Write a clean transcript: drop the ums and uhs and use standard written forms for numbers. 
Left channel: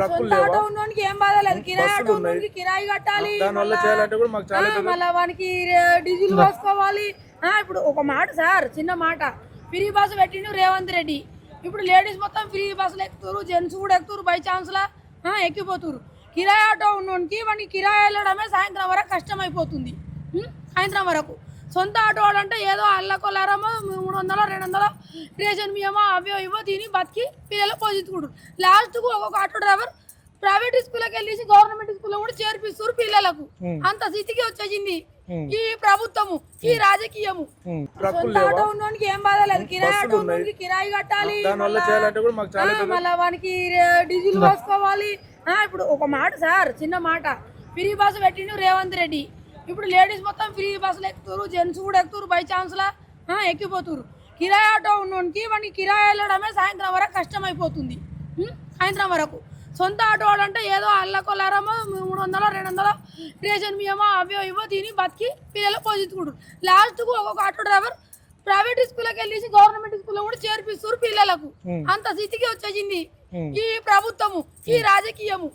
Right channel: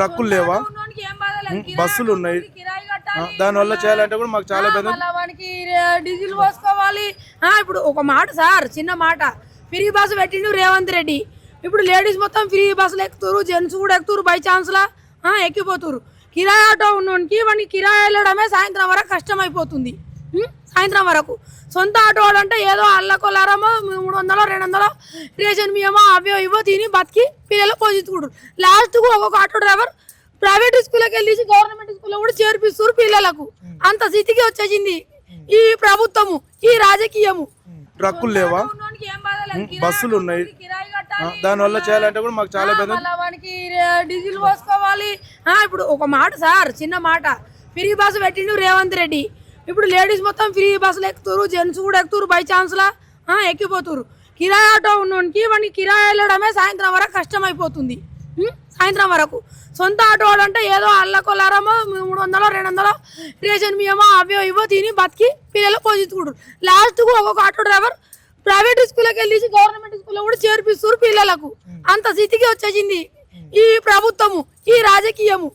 ట్రక్కులు లేవా, బస్సులు ఉన్నాయి, దాని వల్ల చేయాలంటే కూడా మాకు చాలా పెద్ద వానికి డీజిల్ పోసుకోవాలి. ఇప్పుడు ఒక మాట సార్, చిన్న మాట, ఫ్రీ బస్సు పెట్టిండు రేవంత్ రెడ్డి. ఇప్పుడు లేడీస్ మొత్తం ఫ్రీ బస్సులు ఎక్కుతారు, జెంట్స్ కూడా ఎక్కుతారు, బై ఛాన్స్ లా ఎక్కిపోతారు. కిరాయి ఆటో ఉన్నోనికి వాడికి కిరాయి వెళ్ళడమే సాయంత్రం వరకు కష్టం అయిపోతుంది. సాయంత్రం వరకు సొంత ఆటో అంటే ఏదో అల్లకొల్లారమో 300 200 రేషన్ బియ్యమో అవో ఇవో తిని బతికి పిల్లలు పోషించుకుంటారు. లాస్ట్కు ఒక్కొక్క ఆటో డ్రైవర్ ప్రైవేట్ స్కూల్కి వెళ్ళి గవర్నమెంట్ స్కూల్లో కూడా చేర్పిస్తారు పిల్లలకు. అంత స్థితికి వచ్చేసింది ఈ ప్రభుత్వము, ఈ రాజకీయము. ట్రక్కులు లేవా, ఏం బాధ లేదు, బస్సులు ఉన్నాయి, కిరాయి కట్టాలి, దాని వల్ల చేయాలంటే కూడా మాకు చాలా పెద్ద వానికి డీజిల్ పోసుకోవాలి. ఇప్పుడు ఒక మాట సార్, చిన్న మాట, ఫ్రీ బస్సు పెట్టిండు రేవంత్ రెడ్డి. ఇప్పుడు లేడీస్ మొత్తం ఫ్రీ బస్సులు ఎక్కుతారు, జెంట్స్ కూడా ఎక్కుతారు, బై ఛాన్స్ లా ఎక్కిపోతారు. కిరాయి ఆటో ఉన్నోనికి వాడికి కిరాయి వెళ్ళడమే సాయంత్రం వరకు కష్టం అయిపోతుంది. సాయంత్రం వరకు సొంత ఆటో అంటే ఏదో అల్లకొల్లారమో 300 200 రేషన్ బియ్యమో అవో ఇవో తిని బతికి పిల్లలు పోషించుకుంటారు. లాస్ట్కు ఒక్కొక్క ఆటో డ్రైవర్ ప్రైవేట్ స్కూల్కి వెళ్ళి గవర్నమెంట్ స్కూల్లో కూడా చేర్పిస్తారు పిల్లలకు. అంత స్థితికి వచ్చేసింది ఈ ప్రభుత్వము, ఈ రాజకీయము.